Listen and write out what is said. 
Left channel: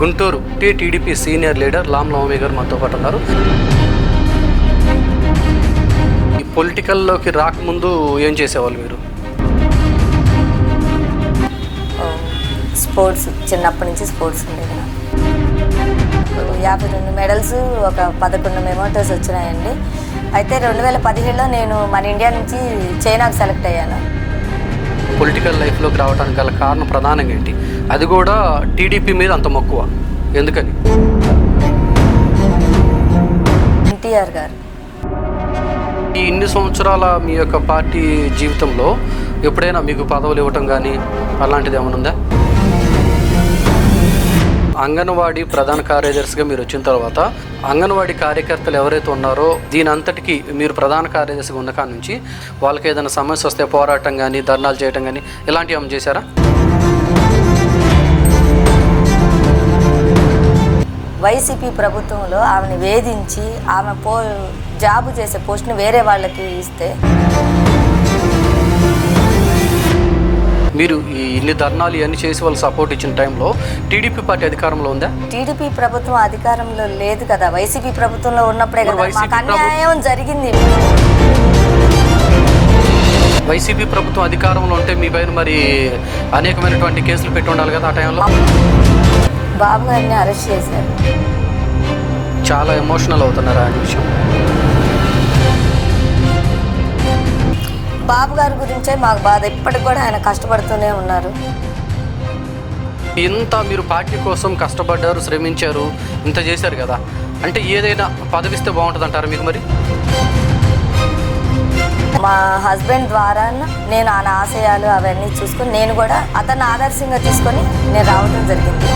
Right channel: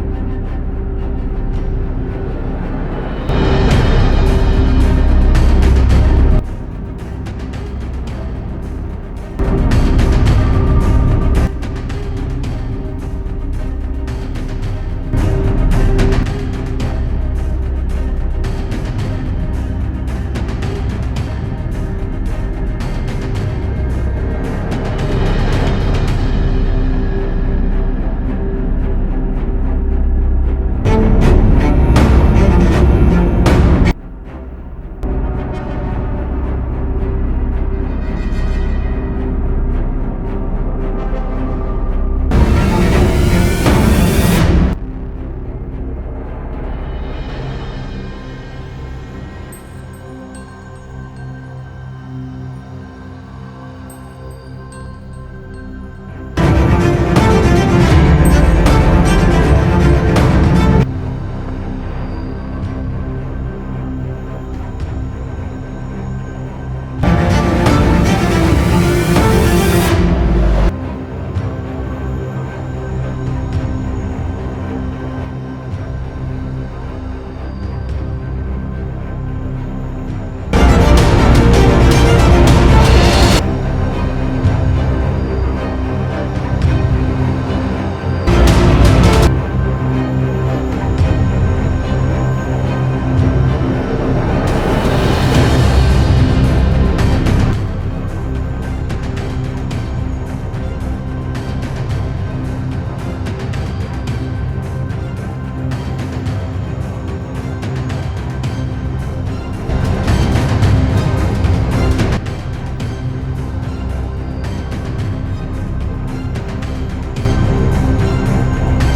Guntur TDP senior leader లామ్ నవమి గారు మనతో పాటు ఉన్నారు. ఈ పొలిటికల్లోకి రాకముందు ఏం చేసేవాళ్ళు మీరు? స్పోర్ట్స్, చిన్నప్పటి నుంచి స్పోర్ట్స్ ఉండేది. 52 మెడల్స్, ఒక 11 మెమోటోస్ వచ్చినాయండి. అయితే 2017లో నేను మన ఇండియా నుంచి చైనాకు సెలెక్ట్ అయ్యాను. పొలిటికల్ లైఫ్లోకి రావడానికి గల కారణం ప్రధానంగా ఏంటి? అది కూడా టీడీపీ మీద అంత మక్కువ ఎందుకని? ఎన్టీఆర్ గారు. ఈ ఇన్ని సంవత్సరాల మీ యొక్క పార్టీ జీవితంలో ఎప్పుడైనా మీకు పదవులు ఇవ్వటం కానీ అలాంటిది ఏమైనా ఉందా? అంగన్వాడీ ప్రధాన కార్యదర్శిగా మీరు వచ్చిన తర్వాత అంగన్వాడీ కార్యకర్తలు ఎవరైతే ఉన్నారో దీని అంతటికీ మీరు ప్రధాన కార్యదర్శిగా ఉన్న కాడ నుంచి వాళ్ళకి ఏదైనా సమస్య వస్తే పోరాటం కానీ, ధర్నాలు చేయడం కానీ ఇలాంటివి ఏమైనా చేశారా? వైసీపీ ప్రభుత్వంలో ఆమెను వేధించి ఆమె జాబు చేసే పోస్ట్ని వేరే వాళ్ళకి ఇస్తే మీరు ఈ ఇన్ని ధర్నాలు ఇవన్నీ చేసి వాళ్ళు సపోర్ట్ ఇచ్చిన టైంలో టీడీపీ పార్టీ అధికారంలో ఉందా? టీడీపీ ప్రభుత్వం అధికారంలో లేదు కదా. వైసీపీ ప్రభుత్వంలో ఉన్నప్పుడే కదా మాకు అన్యాయం జరిగింది. వైసీపీ ప్రభుత్వం అధికారంలో ఉంటే మీ పైన మరి అనేకమైనటువంటి కేసులు పెట్టి ఉండాలి కదా ఆ టైంలో. బాబు గారిని అరెస్ట్ చేశారు. చాలా ఎమోషనల్ అవుతున్నారు ఆ విషయం. బాబు గారి గురించే మాకు బాధ. ఇప్పటికి కూడా ఆయన కష్టపడుతూనే ఉన్నారు. ఇంత మీరు పార్టీ కోసం కష్టపడ్డారు, శ్రమించారు, ఇంత చేశారు కదా, అంటే ఏదైనా పదవిస్తే బాగుంటుంది అంటారు మీకు? మరి మా హస్బెండ్ ద్వారా నేను ఆయన ఆశయాలు అవన్నీ చూసుకొని నేను కూడా అతన్ని ఆదర్శంగా తీసుకొని నేను రావడం జరిగింది.